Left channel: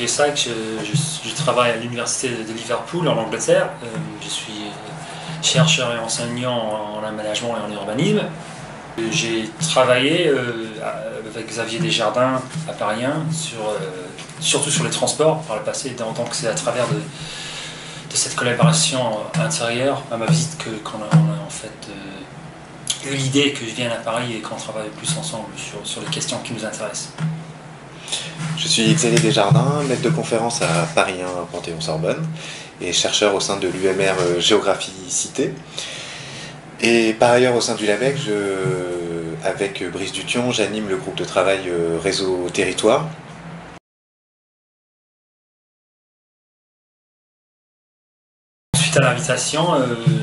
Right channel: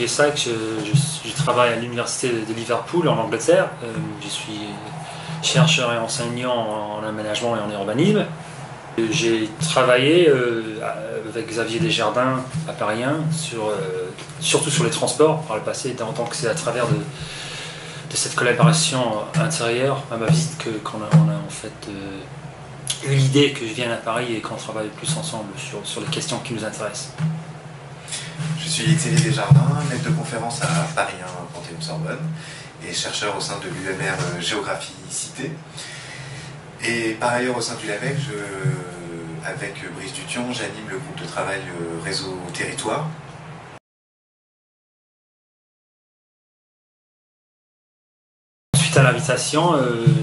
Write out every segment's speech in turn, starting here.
Olivier Sacks, je travaille à l'université de Liverpool en Angleterre. Je suis chercheur et enseignant en aménagement et en urbanisme. J'ai travaillé avec Xavier Desjardins à Paris 1, surtout sur les transports par le passé, donc c'est à travers de cette collaboration intérieure à ma visite qu'on a en fait eu l'idée que je vienne à Paris et qu'on travaille plus ensemble sur les questions qui nous intéressent. Je suis Xavier Desjardins, maître de conférence à Paris 1 Panthéon-Sorbonne et chercheur au sein de l'UMR Géographie Cité. Et par ailleurs au sein du LAVEC, avec Brice Dution, j'anime le groupe de travail Réseau Territoire. Suite à l'invitation,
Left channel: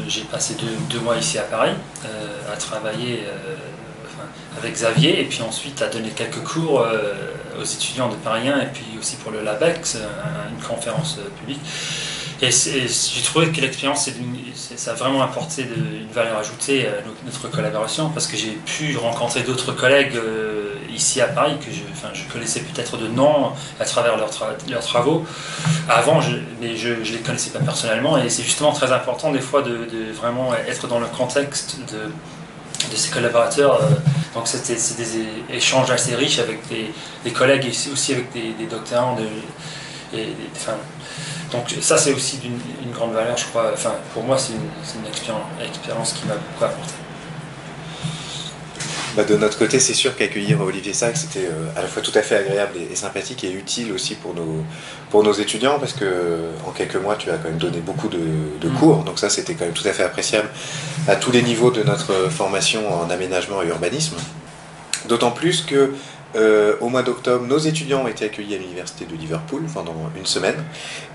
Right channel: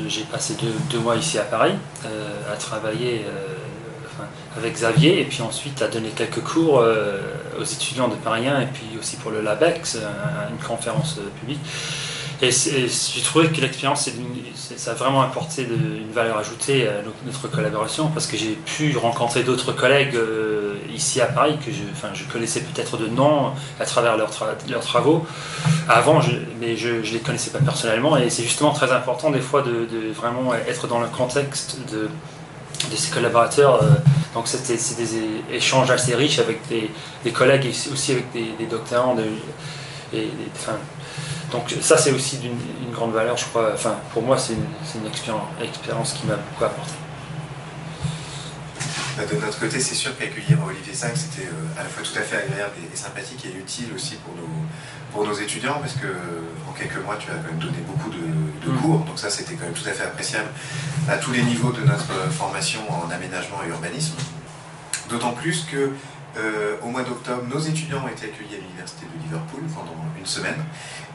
j'ai passé deux mois ici à Paris à travailler avec Xavier et puis ensuite à donner quelques cours aux étudiants de Paris 1 et puis aussi pour le LAVEC, une conférence publique. Et j'ai trouvé que l'expérience, ça a vraiment apporté une valeur ajoutée à notre collaboration parce que j'ai pu rencontrer d'autres collègues ici à Paris que je connaissais peut-être de nom à travers leurs travaux avant, mais je ne les connaissais pas personnellement. Et c'est justement très important des fois de vraiment être dans le contexte de ces collaborateurs. Donc c'est des échanges assez riches avec des collègues et aussi avec des doctorants. Donc ça c'est aussi d'une grande valeur, je crois. Enfin, pour moi c'est une expérience qui m'a beaucoup apporté. De notre côté, c'est sûr qu'accueillir Olivier Sacks c'était à la fois tout à fait agréable et sympathique et utile aussi pour nos étudiants parce que en quelques mois tu as quand même donné beaucoup de cours, donc ça c'était quand même tout à fait appréciable à tous les niveaux de notre formation en aménagement et urbanisme. D'autant plus que au mois d'octobre, nos étudiants ont été accueillis à l'université de Liverpool pendant une semaine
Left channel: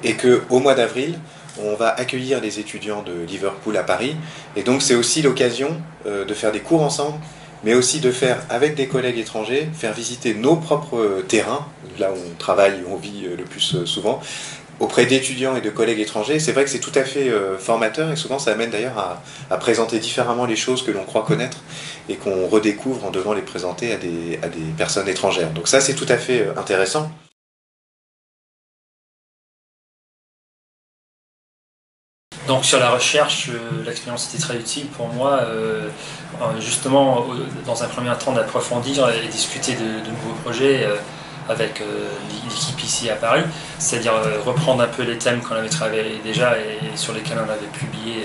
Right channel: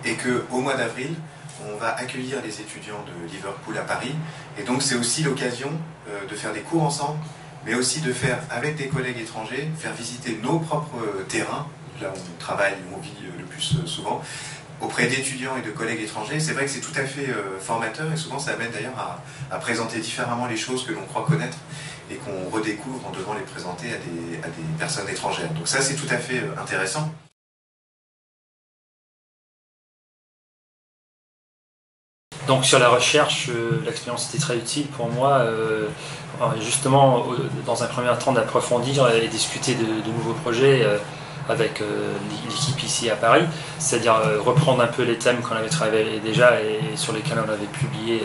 et qu'au mois d'avril, on va accueillir les étudiants de Liverpool à Paris. Et donc c'est aussi l'occasion de faire des cours ensemble, mais aussi de faire avec des collègues étrangers, faire visiter nos propres terrains, là où on travaille et où on vit le plus souvent, auprès d'étudiants et de collègues étrangers. C'est vrai que c'est tout à fait formateur et souvent ça amène d'ailleurs à présenter différemment les choses que l'on croit connaître et qu'on redécouvre en devant les présenter à des personnes étrangères. Donc ça c'est tout à fait intéressant. Donc sur la recherche, l'expérience était très utile pour moi, justement dans un premier temps d'approfondir et discuter de nouveaux projets avec l'équipe ici à Paris, c'est-à-dire reprendre un peu les thèmes qu'on avait travaillé déjà et sur lesquels on avait publié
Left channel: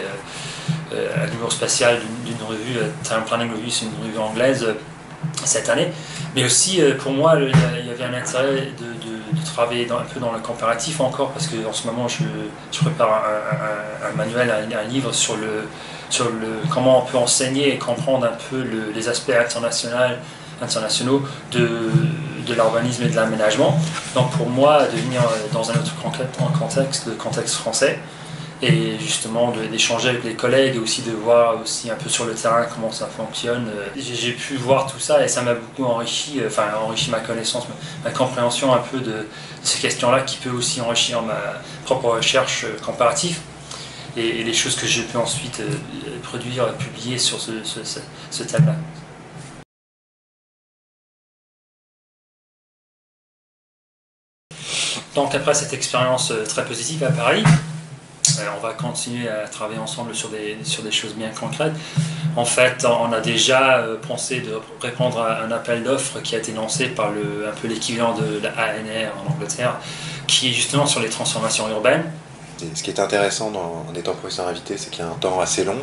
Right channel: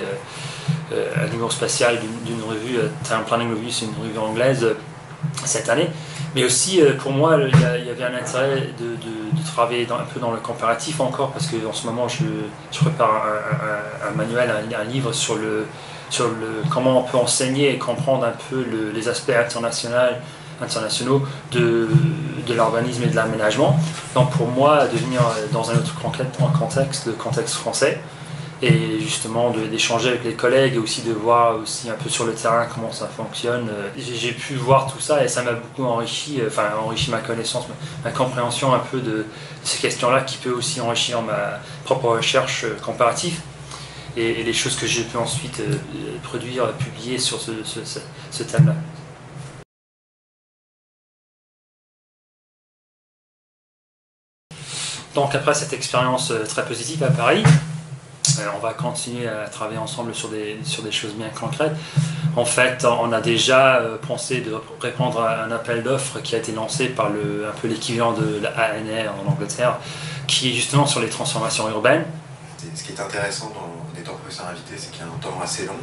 un numéro spécial d'une revue, Time Planning Review, c'est une revue anglaise cette année. Mais aussi, pour moi, il y avait un intérêt de travailler un peu dans le comparatif encore, parce qu'en ce moment, je prépare un manuel, un livre sur comment on peut enseigner et comprendre un peu les aspects internationaux de l'urbanisme et de l'aménagement. Donc pour moi, de venir dans un autre contexte, le contexte français, et justement d'échanger avec les collègues et aussi de voir aussi un peu sur le terrain comment ça fonctionne. J'ai pu voir tout ça et ça m'a beaucoup enrichi ma connaissance, ma compréhension un peu de ces questions-là qui peut aussi enrichir ma propre recherche comparative et les choses que j'ai pu ensuite produire, publier sur ce thème-là. Donc après cette expérience très positive à Paris, on va continuer à travailler ensemble sur des choses bien concrètes. En fait, on a déjà pensé de répondre à un appel d'offres qui a été lancé par un peu l'équivalent de la ANR en Angleterre, qui est justement sur les transformations urbaines. Ce qui est intéressant en étant professeur invité, c'est qu'il y a un temps assez long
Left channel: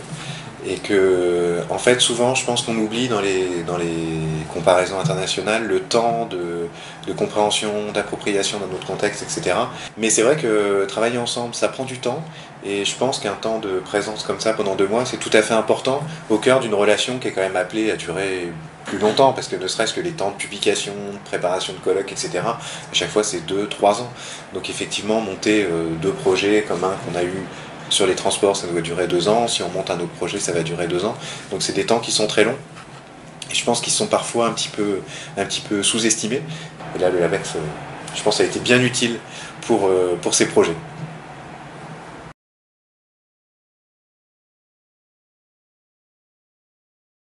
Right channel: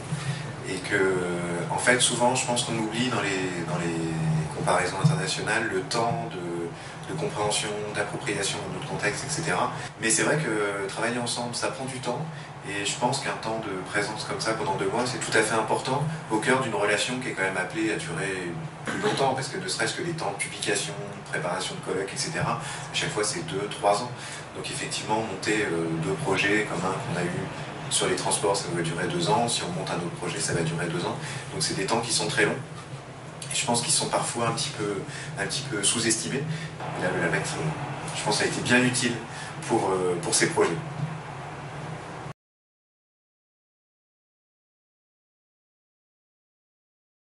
et que, en fait, souvent, je pense qu'on oublie dans les comparaisons internationales le temps de compréhension, d'appropriation de notre contexte, etc. Mais c'est vrai que travailler ensemble, ça prend du temps et je pense qu'un temps de présence comme ça pendant 2 mois, c'est tout à fait important au cœur d'une relation qui est quand même appelée à durer plus longtemps, parce que ne serait-ce que les temps de publication, de préparation de colloques, etc., à chaque fois c'est 2-3 ans. Donc effectivement, monter 2 projets comme un qu'on a eu sur les transports, ça doit durer 2 ans. Si on monte un autre projet, ça va durer 2 ans. Donc c'est des temps qui sont très longs. Et je pense qu'ils sont parfois un petit peu sous-estimés. Et là, le LAVEC, je pense, a été bien utile pour ces projets.